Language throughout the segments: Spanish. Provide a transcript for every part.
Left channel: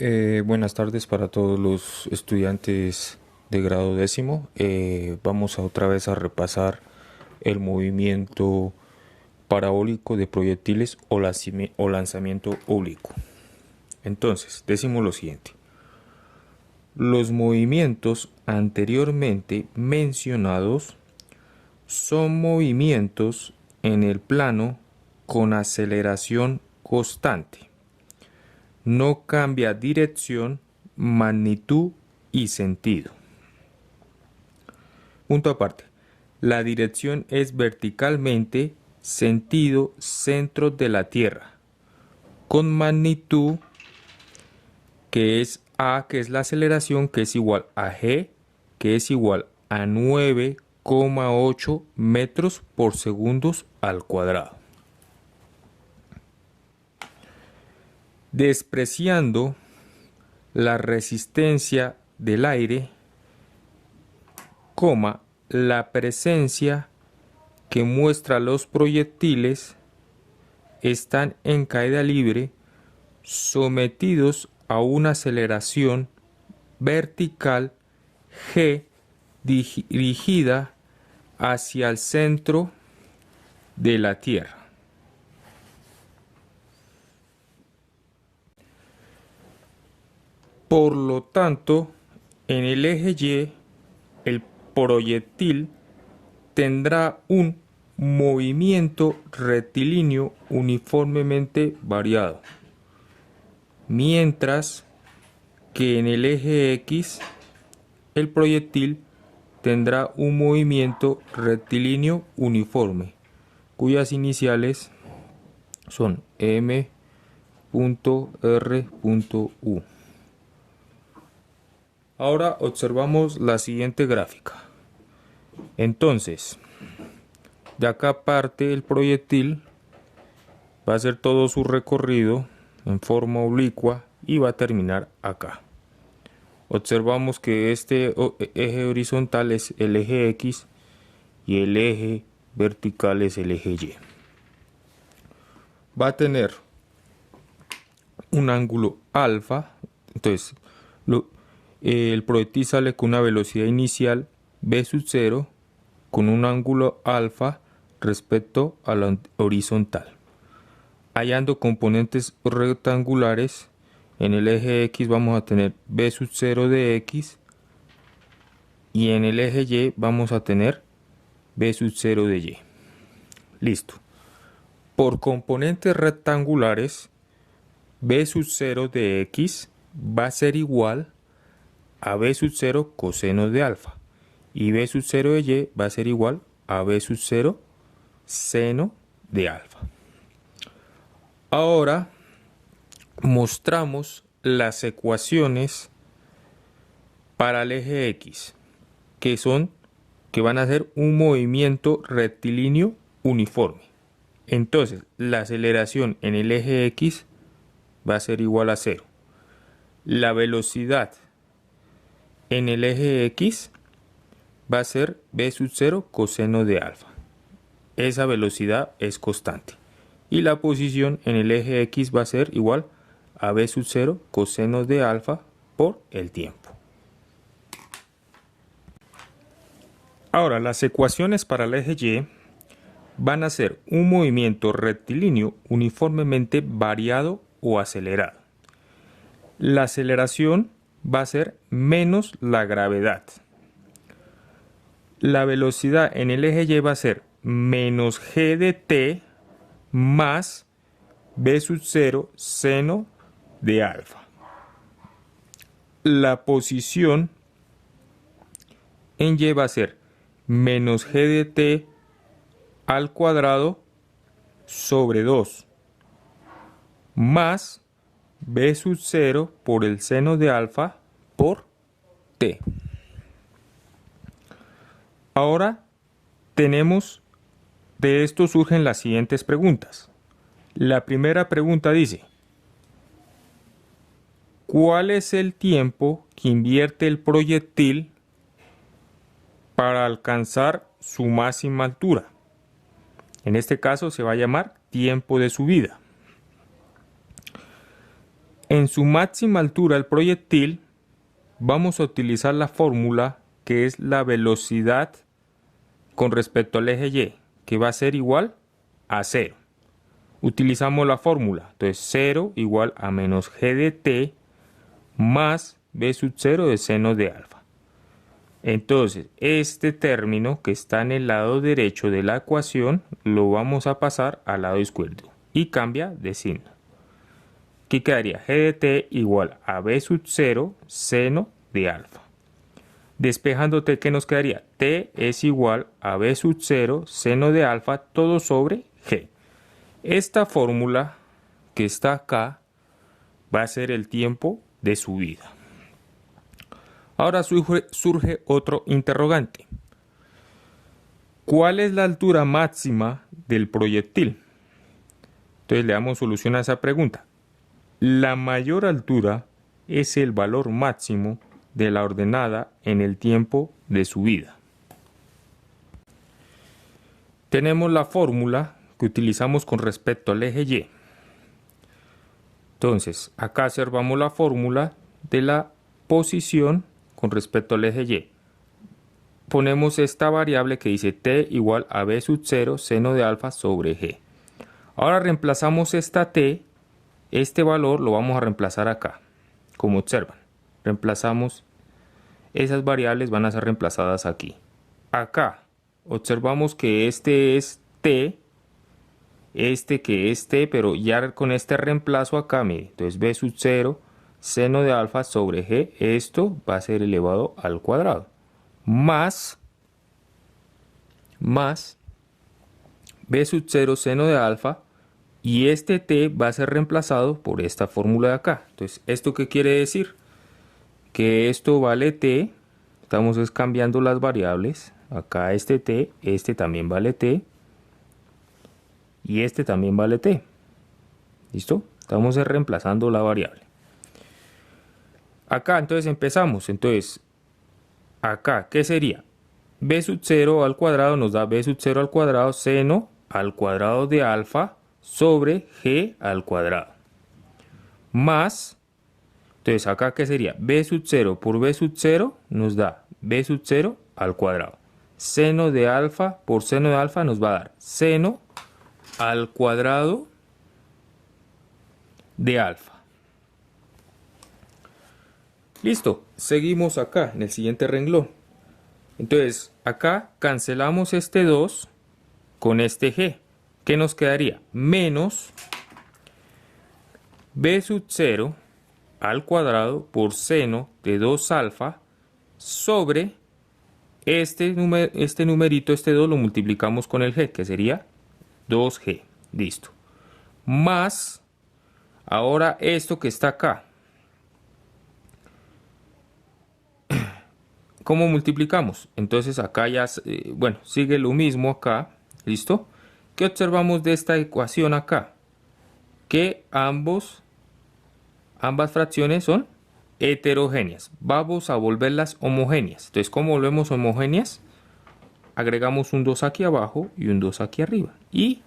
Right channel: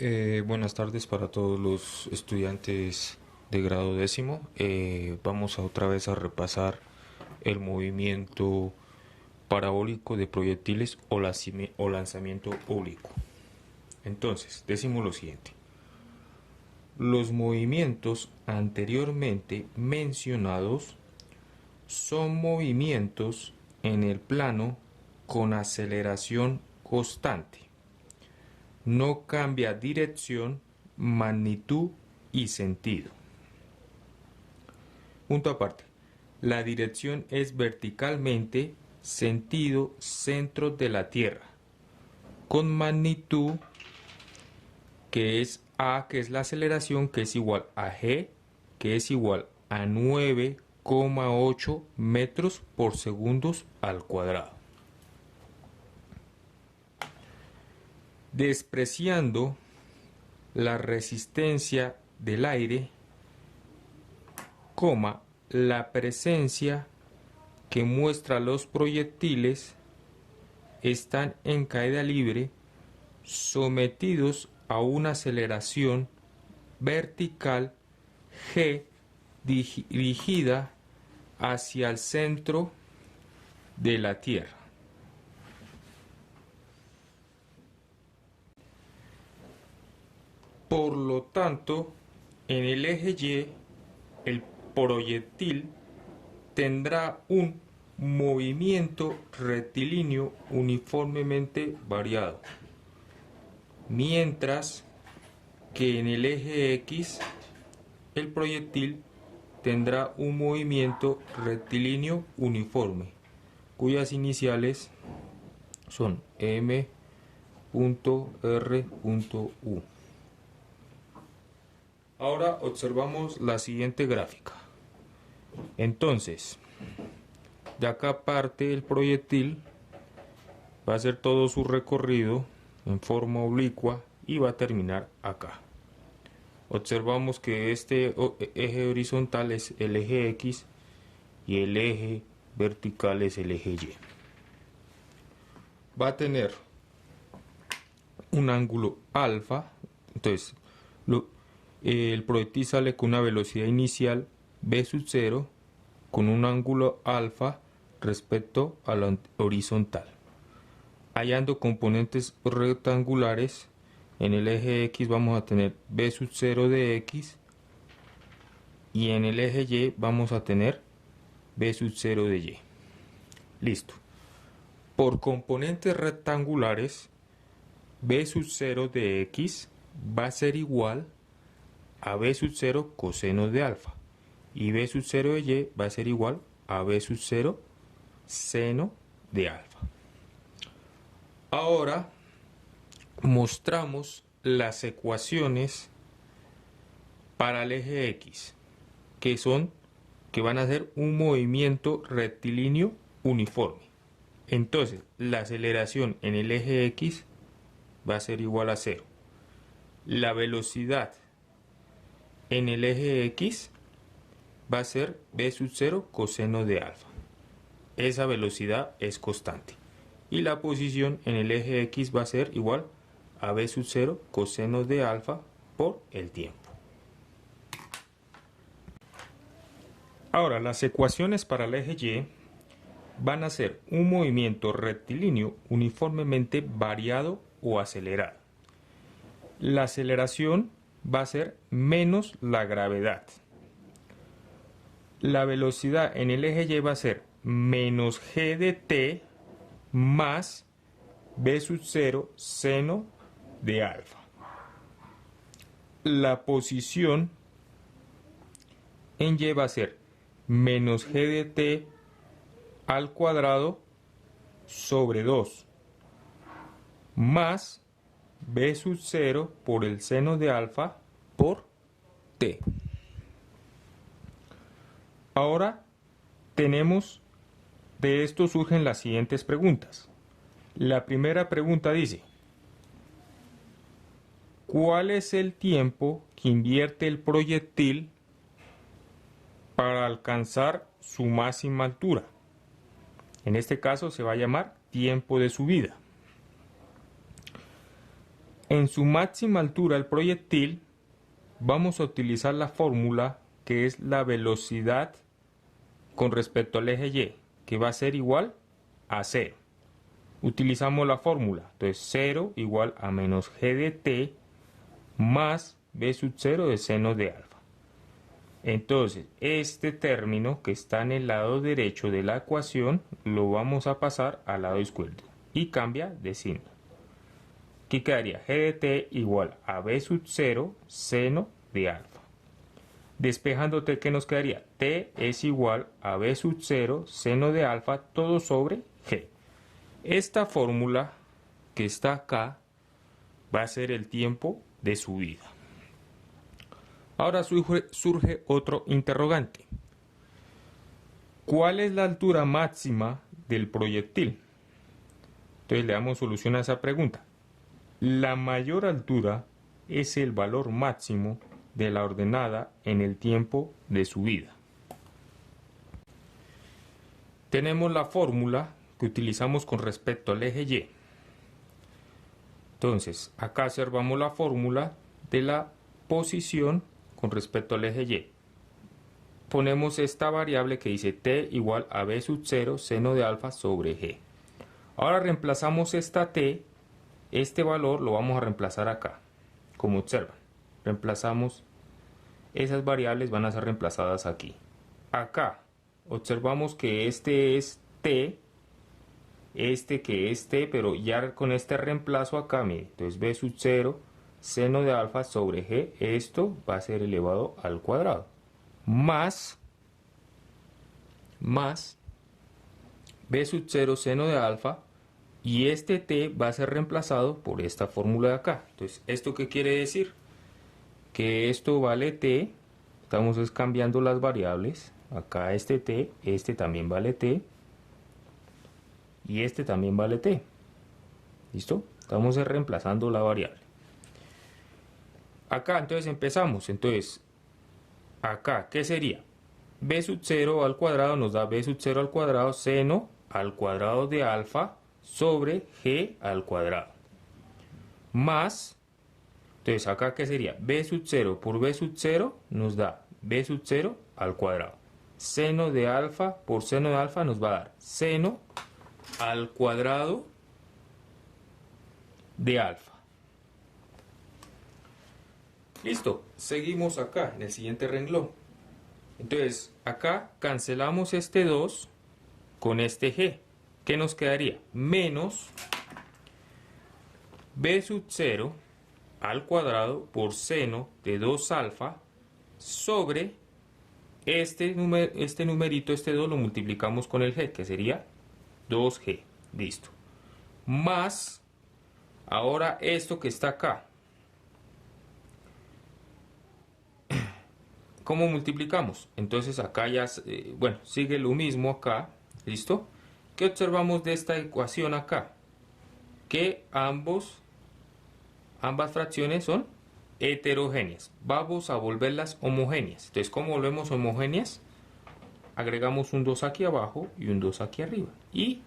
Buenas tardes para todos los estudiantes de grado décimo. Vamos otra vez a repasar el movimiento parabólico de proyectiles o lanzamiento oblicuo. Entonces, decimos lo siguiente. Los movimientos anteriormente mencionados son movimientos en el plano con aceleración constante. No cambia dirección, magnitud y sentido. Punto aparte. La dirección es verticalmente, sentido, centro de la Tierra, con magnitud que es A, que es la aceleración, que es igual a G, que es igual a 9,8 metros por segundos al cuadrado. Despreciando la resistencia del aire, la presencia que muestra los proyectiles están en caída libre, sometidos a una aceleración vertical G dirigida hacia el centro de la Tierra. Por lo tanto, en el eje Y, el proyectil tendrá un movimiento rectilíneo uniformemente variado, mientras que en el eje X, el proyectil tendrá un movimiento rectilíneo uniforme, cuyas iniciales son M.R.U. Ahora observamos la siguiente gráfica. Entonces, de acá parte el proyectil, va a hacer todo su recorrido en forma oblicua y va a terminar acá. Observamos que este eje horizontal es el eje X y el eje vertical es el eje Y. Va a tener un ángulo alfa, entonces el proyectil sale con una velocidad inicial v sub 0 con un ángulo alfa respecto a la horizontal. Hallando componentes rectangulares, en el eje X vamos a tener v sub 0 de X y en el eje Y vamos a tener v sub 0 de Y. Listo. Por componentes rectangulares, v sub 0 de X va a ser igual a v sub 0 coseno de alfa y v sub 0 de Y va a ser igual a v sub 0 seno de alfa. Ahora mostramos las ecuaciones para el eje X, que van a hacer un movimiento rectilíneo uniforme. Entonces, la aceleración en el eje X va a ser igual a 0. La velocidad en el eje X va a ser v sub 0 coseno de alfa. Esa velocidad es constante. Y la posición en el eje X va a ser igual a v sub 0 coseno de alfa por el tiempo. Ahora, las ecuaciones para el eje Y van a ser un movimiento rectilíneo uniformemente variado o acelerado. La aceleración va a ser menos la gravedad. La velocidad en el eje Y va a ser menos g de t más v sub 0 seno de alfa. La posición en Y va a ser menos g de t al cuadrado sobre 2 más v sub 0 por el seno de alfa por t. Ahora de esto surgen las siguientes preguntas. La primera pregunta dice: ¿cuál es el tiempo que invierte el proyectil para alcanzar su máxima altura? En este caso se va a llamar tiempo de subida. En su máxima altura el proyectil vamos a utilizar la fórmula que es la velocidad con respecto al eje Y, que va a ser igual a 0. Utilizamos la fórmula, entonces 0 igual a menos g de t más b sub 0 de seno de alfa. Entonces, este término que está en el lado derecho de la ecuación lo vamos a pasar al lado izquierdo y cambia de signo. Aquí quedaría g de t igual a b sub 0 seno de alfa. Despejando t, ¿qué nos quedaría? T es igual a b sub 0 seno de alfa todo sobre g. Esta fórmula que está acá va a ser el tiempo de subida. Ahora surge otro interrogante. ¿Cuál es la altura máxima del proyectil? Entonces le damos solución a esa pregunta. La mayor altura es el valor máximo de la ordenada en el tiempo de subida. Tenemos la fórmula que utilizamos con respecto al eje Y. Entonces, acá observamos la fórmula de la posición con respecto al eje Y. Ponemos esta variable que dice t igual a b sub 0 seno de alfa sobre g. Ahora reemplazamos esta t, este valor lo vamos a reemplazar acá, como observan. Reemplazamos, esas variables van a ser reemplazadas aquí. Acá observamos que este es t, este que es t, pero ya con este reemplazo acá, mire, entonces b sub 0 seno de alfa sobre g, esto va a ser elevado al cuadrado, más b sub 0 seno de alfa, y este t va a ser reemplazado por esta fórmula de acá. Entonces, ¿esto qué quiere decir? Que esto vale t, estamos cambiando las variables, acá este t, este también vale t, y este también vale t. ¿Listo? Estamos reemplazando la variable. Acá entonces empezamos. Entonces, acá, ¿qué sería? B sub 0 al cuadrado nos da B sub 0 al cuadrado seno al cuadrado de alfa sobre G al cuadrado. Más, entonces acá, ¿qué sería? B sub 0 por B sub 0 nos da B sub 0 al cuadrado. Seno de alfa por seno de alfa nos va a dar seno al cuadrado de alfa. Listo, seguimos acá en el siguiente renglón. Entonces, acá cancelamos este 2 con este g. ¿Qué nos quedaría? Menos b sub 0 al cuadrado por seno de 2 alfa sobre este numerito, este 2 lo multiplicamos con el g, que sería 2g. Listo. Más, ahora esto que está acá. ¿Cómo multiplicamos? Entonces acá ya, bueno, sigue lo mismo acá. ¿Listo? ¿Qué observamos de esta ecuación acá? Que ambas fracciones son heterogéneas. Vamos a volverlas homogéneas. Entonces, ¿cómo volvemos homogéneas? Agregamos un 2 aquí abajo y un 2 aquí arriba. ¿Y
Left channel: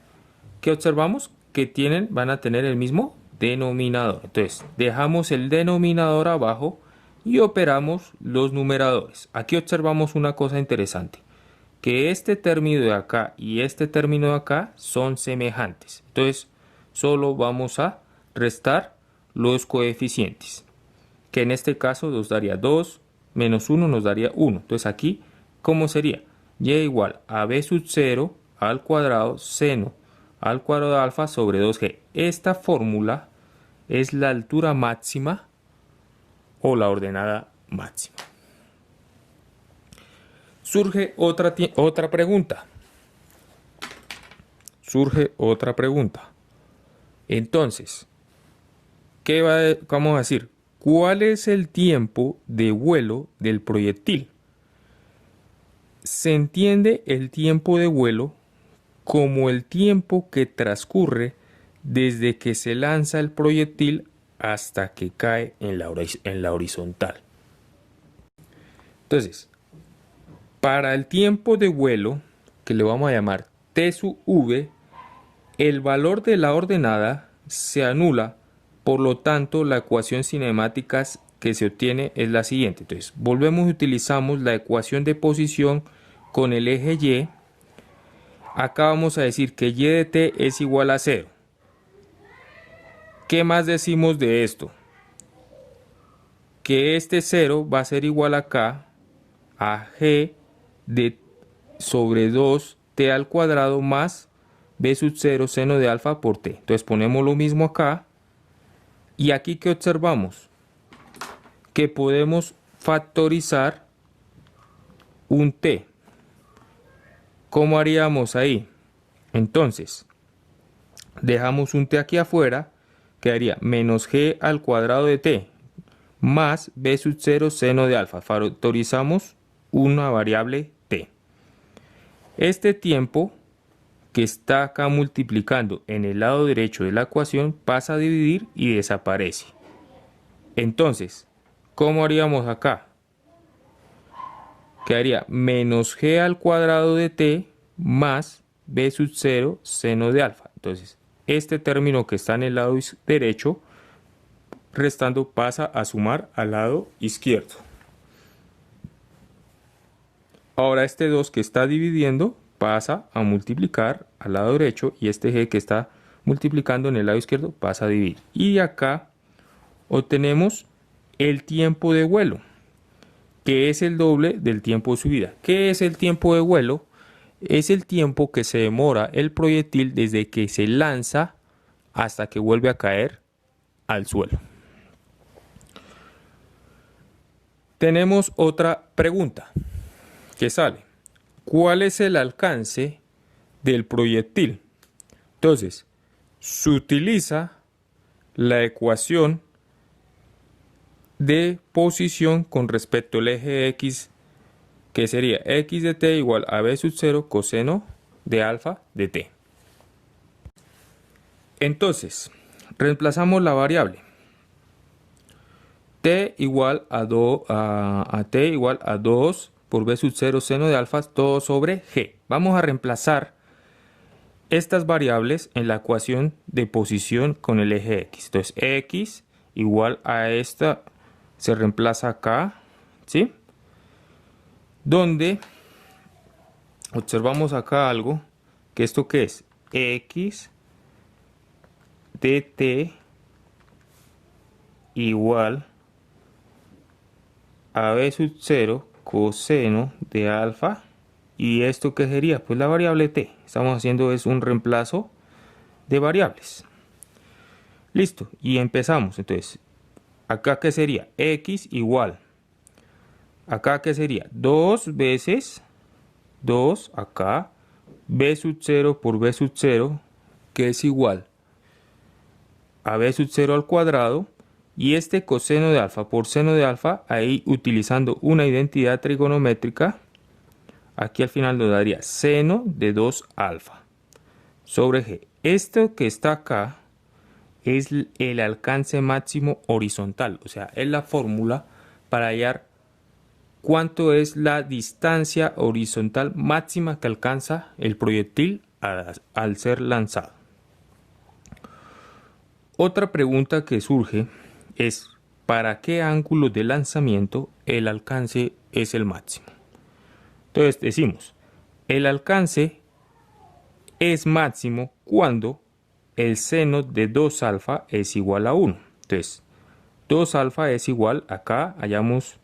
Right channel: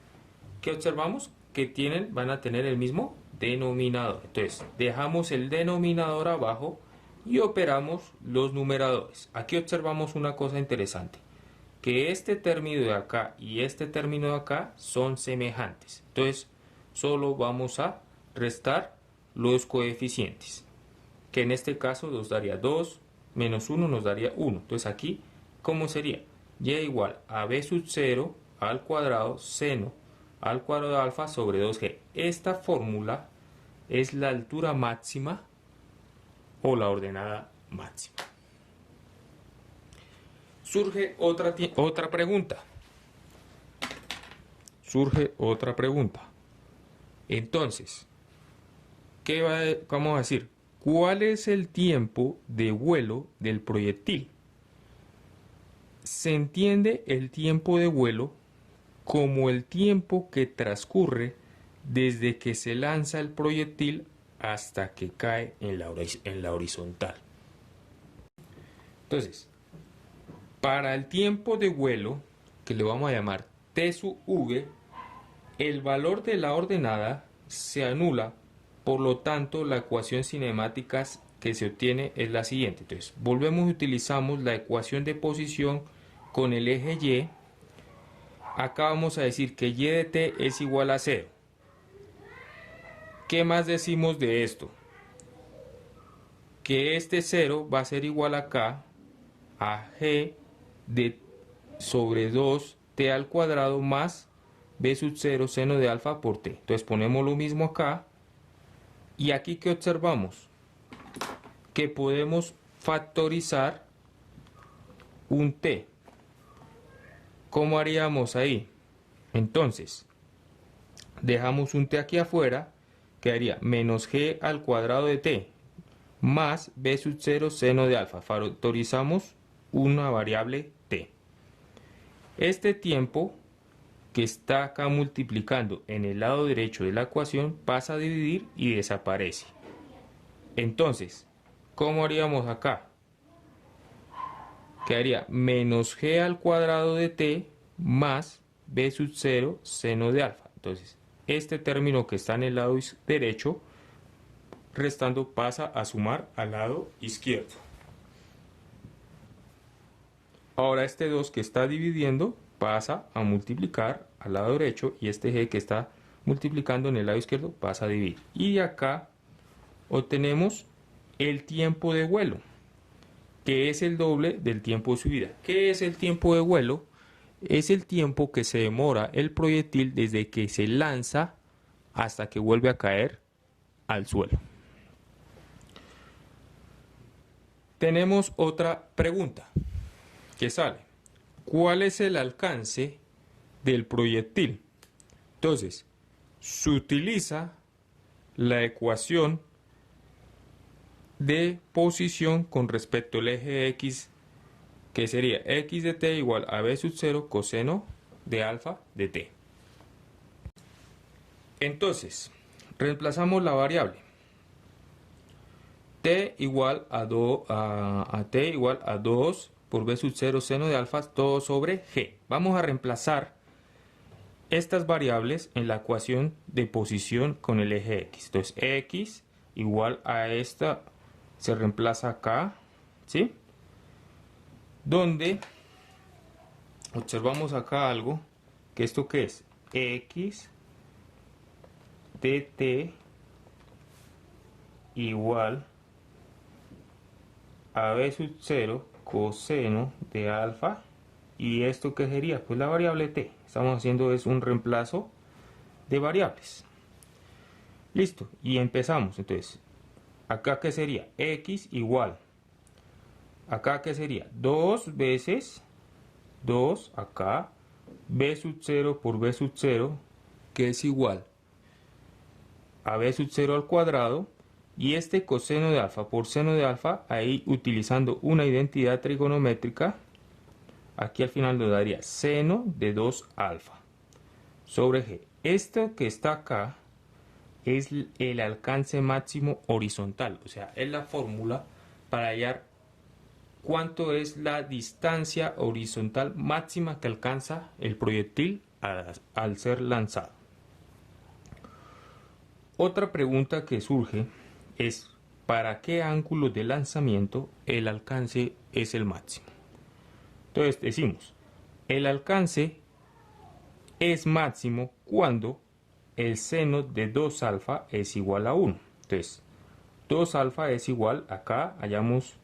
qué observamos? Que van a tener el mismo denominador. Entonces, dejamos el denominador abajo y operamos los numeradores. Aquí observamos una cosa interesante, que este término de acá y este término de acá son semejantes. Entonces, solo vamos a restar los coeficientes, que en este caso nos daría 2 menos 1 nos daría 1. Entonces aquí, ¿cómo sería? Y igual a b sub 0 al cuadrado seno al cuadrado de alfa sobre 2g. Esta fórmula es la altura máxima o la ordenada máxima. Surge otra pregunta. Entonces, ¿qué vamos a decir? ¿Cuál es el tiempo de vuelo del proyectil? Se entiende el tiempo de vuelo como el tiempo que transcurre desde que se lanza el proyectil hasta que cae en la horizontal. Entonces, para el tiempo de vuelo, que le vamos a llamar t sub v, el valor de la ordenada se anula Por lo tanto, la ecuación cinemática que se obtiene es la siguiente. Entonces, volvemos y utilizamos la ecuación de posición con el eje Y. Acá vamos a decir que y de t es igual a 0. ¿Qué más decimos de esto? Que este 0 va a ser igual acá a g de sobre 2t al cuadrado más b sub 0 seno de alfa por t. Entonces ponemos lo mismo acá. Y aquí, ¿qué observamos? Que podemos factorizar un t. ¿Cómo haríamos ahí? Entonces, dejamos un t aquí afuera, quedaría menos g al cuadrado de t más b sub 0 seno de alfa. Factorizamos una variable t. Este tiempo que está acá multiplicando en el lado derecho de la ecuación pasa a dividir y desaparece. Entonces, ¿cómo haríamos acá? Quedaría menos g al cuadrado de t más b sub 0 seno de alfa. Entonces, este término que está en el lado derecho, restando, pasa a sumar al lado izquierdo. Ahora este 2 que está dividiendo pasa a multiplicar al lado derecho y este g que está multiplicando en el lado izquierdo pasa a dividir. Y acá obtenemos el tiempo de vuelo, que es el doble del tiempo de subida. ¿Qué es el tiempo de vuelo? Es el tiempo que se demora el proyectil desde que se lanza hasta que vuelve a caer al suelo. Tenemos otra pregunta que sale. ¿Cuál es el alcance del proyectil? Entonces, se utiliza la ecuación de posición con respecto al eje X, que sería x de t igual a b sub 0 coseno de alfa de t. Entonces, reemplazamos la variable t igual a t igual a 2 por b sub 0 seno de alfa todo sobre g. Vamos a reemplazar estas variables en la ecuación de posición con el eje x. Entonces, x igual a esta se reemplaza acá, ¿sí? Donde observamos acá algo, que esto que es x de t igual a b sub 0 coseno de alfa. ¿Y esto qué sería? Pues la variable t. Estamos haciendo es un reemplazo de variables. Listo. Y empezamos. Entonces, acá qué sería? X igual. Acá qué sería? 2 veces 2 acá. B sub 0 por B sub 0, que es igual a B sub 0 al cuadrado. Y este coseno de alfa por seno de alfa, ahí utilizando una identidad trigonométrica, aquí al final nos daría seno de 2 alfa sobre g. Esto que está acá es el alcance máximo horizontal, o sea, es la fórmula para hallar cuánto es la distancia horizontal máxima que alcanza el proyectil al ser lanzado. Otra pregunta que surge es ¿para qué ángulo de lanzamiento el alcance es el máximo? Entonces decimos, el alcance es máximo cuando el seno de 2 alfa es igual a 1. Entonces, 2 alfa es igual, acá hallamos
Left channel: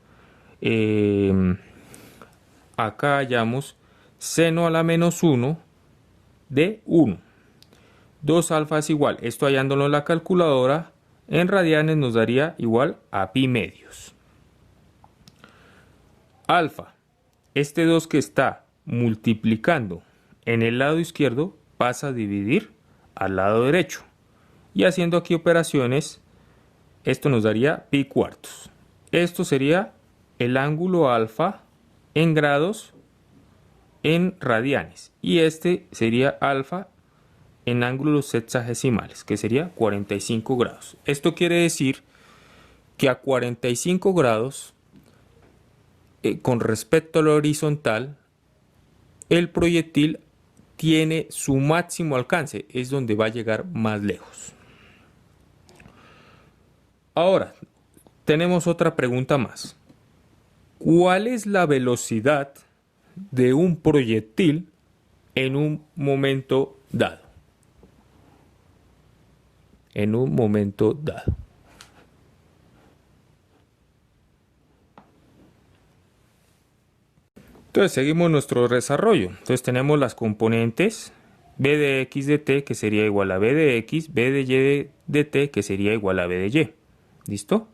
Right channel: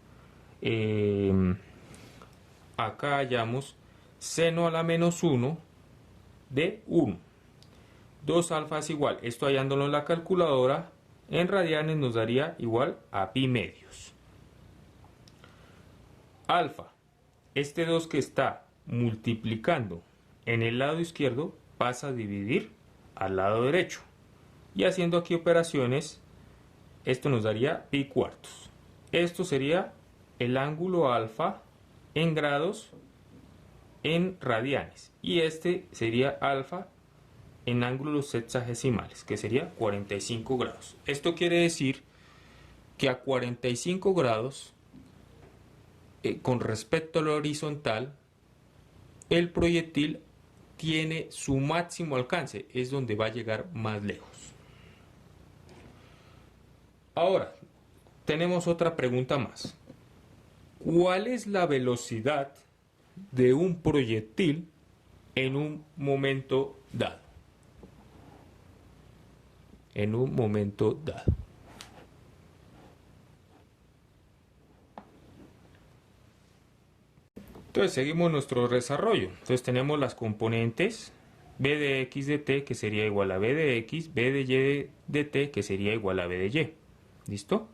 seno a la menos 1 de 1. 2 alfa es igual, esto hallándolo en la calculadora, en radianes nos daría igual a pi medios. Alfa, este 2 que está multiplicando en el lado izquierdo pasa a dividir al lado derecho. Y haciendo aquí operaciones, esto nos daría pi cuartos. Esto sería el ángulo alfa en grados en radianes. Y este sería alfa en ángulos sexagesimales, que sería 45 grados. Esto quiere decir que a 45 grados, con respecto a lo horizontal, el proyectil tiene su máximo alcance, es donde va a llegar más lejos. Ahora, tenemos otra pregunta más. ¿Cuál es la velocidad de un proyectil en un momento dado? En un momento dado. Entonces seguimos nuestro desarrollo. Entonces tenemos las componentes b de x de t, que sería igual a b de x, b de y de t, que sería igual a b de y. ¿Listo?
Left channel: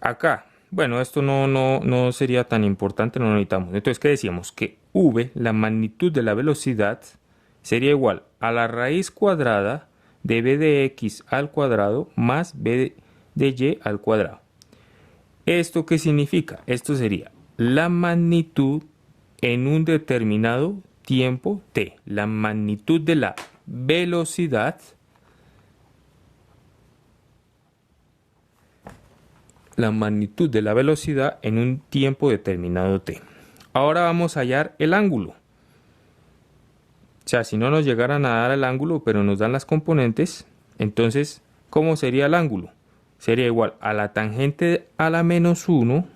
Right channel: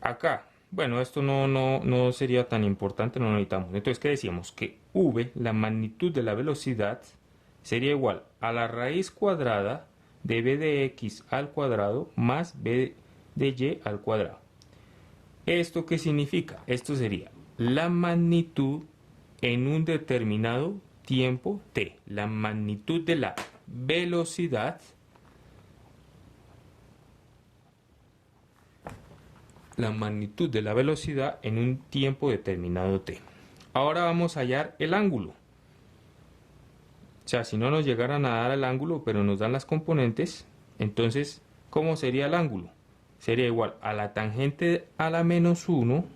Acá, bueno, esto no sería tan importante, no lo necesitamos. Entonces, ¿qué decíamos? Que v, la magnitud de la velocidad, sería igual a la raíz cuadrada de b de x al cuadrado más b de y al cuadrado. ¿Esto qué significa? Esto sería la magnitud en un determinado tiempo t. La magnitud de la velocidad en un tiempo determinado t. Ahora vamos a hallar el ángulo. O sea, si no nos llegaran a dar el ángulo, pero nos dan las componentes, entonces, ¿cómo sería el ángulo? Sería igual a la tangente a la menos 1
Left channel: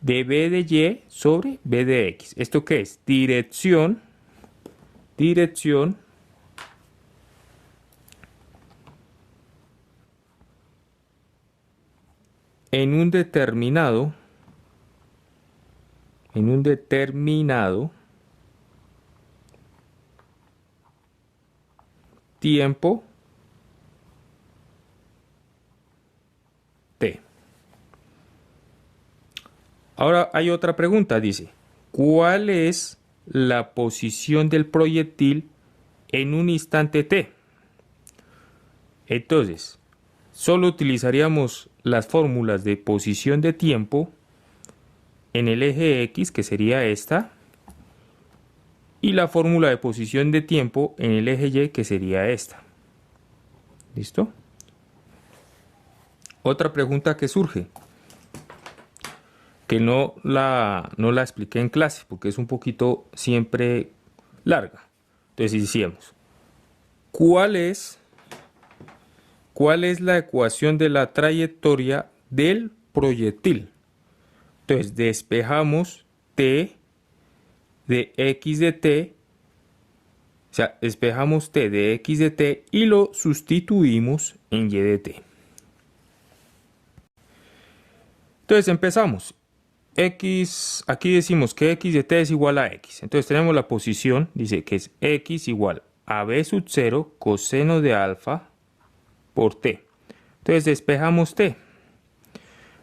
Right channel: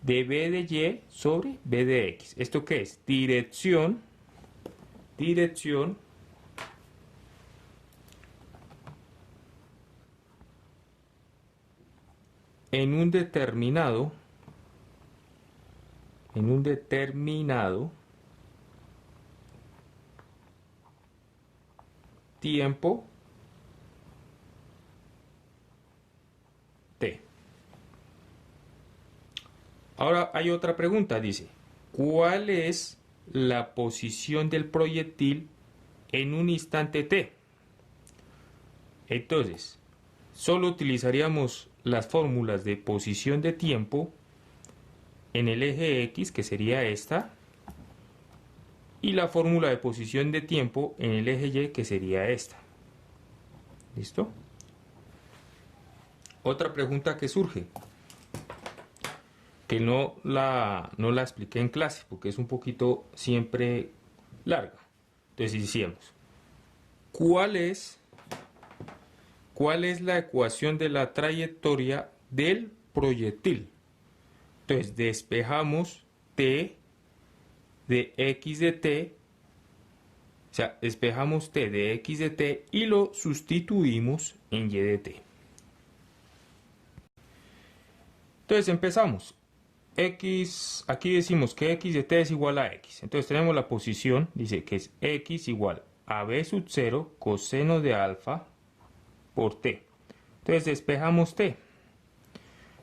de b de y sobre b de x. ¿Esto qué es? Dirección en un determinado tiempo t. Ahora hay otra pregunta, dice, ¿cuál es la posición del proyectil en un instante t? Entonces, solo utilizaríamos las fórmulas de posición de tiempo en el eje X, que sería esta, y la fórmula de posición de tiempo en el eje Y, que sería esta. ¿Listo? Otra pregunta que surge, que no la expliqué en clase, porque es un poquito siempre larga. Entonces decíamos, ¿cuál es la ecuación de la trayectoria del proyectil? Entonces despejamos t de x de t, o sea, despejamos t de x de t y lo sustituimos en y de t. Entonces empezamos. X, aquí decimos que x de t es igual a x. Entonces tenemos la posición, dice que es x igual a b sub 0 coseno de alfa por t. Entonces despejamos t.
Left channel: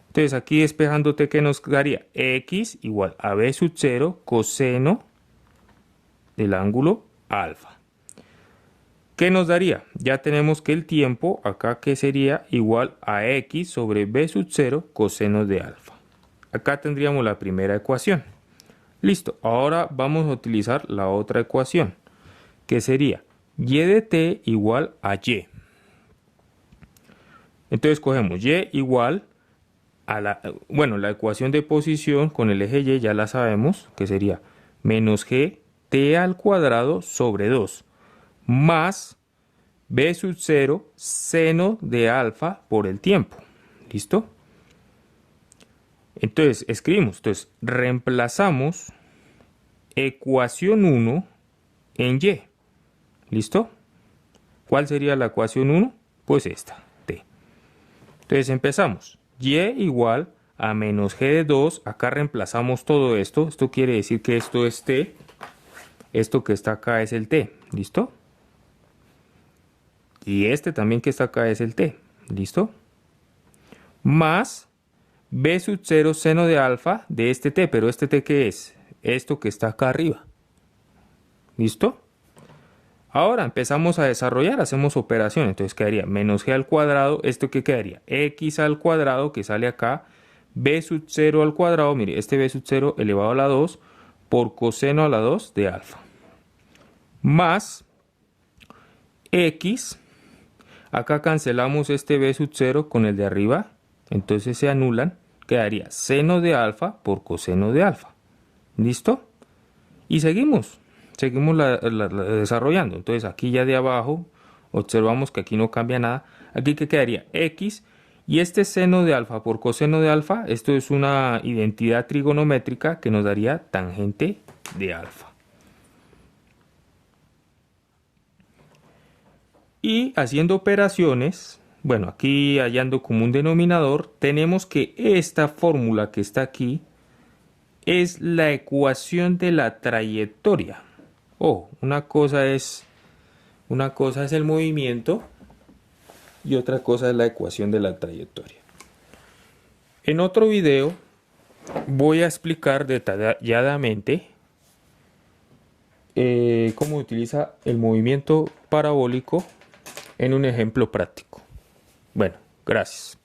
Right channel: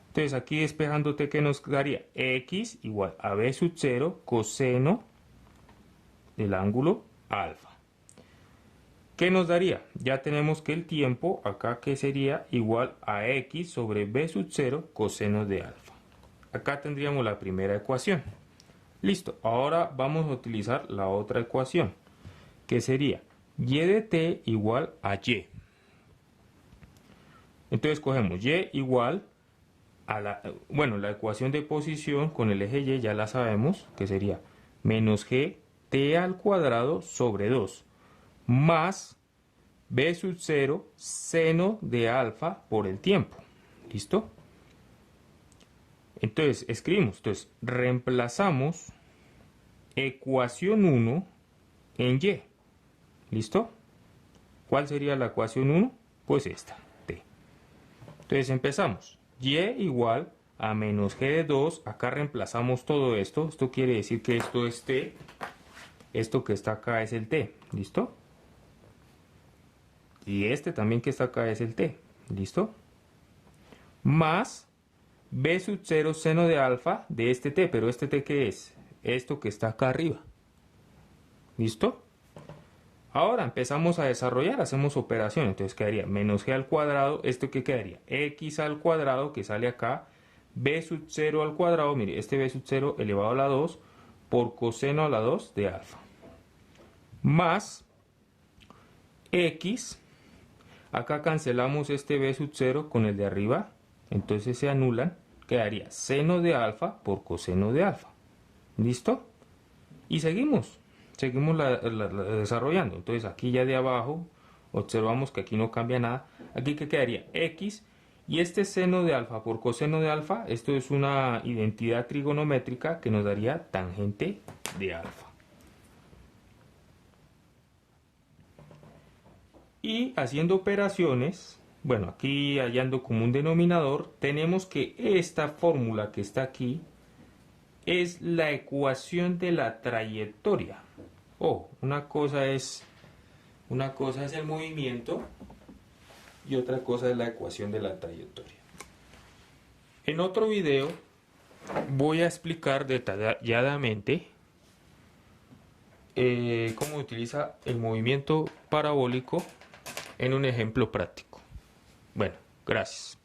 Entonces aquí despejando t, ¿qué nos daría? X igual a b sub 0 coseno del ángulo alfa. ¿Qué nos daría? Ya tenemos que el tiempo acá, que sería igual a x sobre b sub 0 coseno de alfa. Acá tendríamos la primera ecuación. Listo, ahora vamos a utilizar la otra ecuación, que sería y de t igual a y. Entonces cogemos y igual a la ecuación de posición con el eje y ya la sabemos, que sería menos g t al cuadrado sobre 2 más b sub 0 seno de alfa por el tiempo. ¿Listo? Entonces escribimos, reemplazamos ecuación 1 en y. ¿Listo? ¿Cuál sería la ecuación 1? Pues esta, t. Entonces empezamos. Y igual a menos g de 2. Acá reemplazamos todo esto. Esto quiere decir que esto es t. Esto que está acá es el t. ¿Listo? Y este también que está acá es el t. ¿Listo? Más b sub 0 seno de alfa de este t. Pero este t, ¿qué es? Esto que está acá arriba. ¿Listo? Ahora empezamos a desarrollar, hacemos operaciones. Entonces quedaría menos g al cuadrado. ¿Esto qué quedaría? X al cuadrado, que sale acá. B sub 0 al cuadrado. Mire, este b sub 0 elevado a la 2 por coseno a la 2 de alfa. Más x. Acá cancelamos este b sub 0 con el de arriba. Entonces se anulan. Quedaría seno de alfa por coseno de alfa. ¿Listo? Y seguimos desarrollando. Entonces aquí ya de abajo observamos que aquí no cambia nada. Aquí que quedaría x y este seno de alfa por coseno de alfa, esto es una identidad trigonométrica que nos daría tangente de alfa. Y haciendo operaciones, bueno, aquí hallando como un denominador, tenemos que esta fórmula que está aquí es la ecuación de la trayectoria. Oh, una cosa es el movimiento y otra cosa es la ecuación de la trayectoria. En otro video voy a explicar detalladamente cómo utiliza el movimiento parabólico en un ejemplo práctico. Bueno, gracias.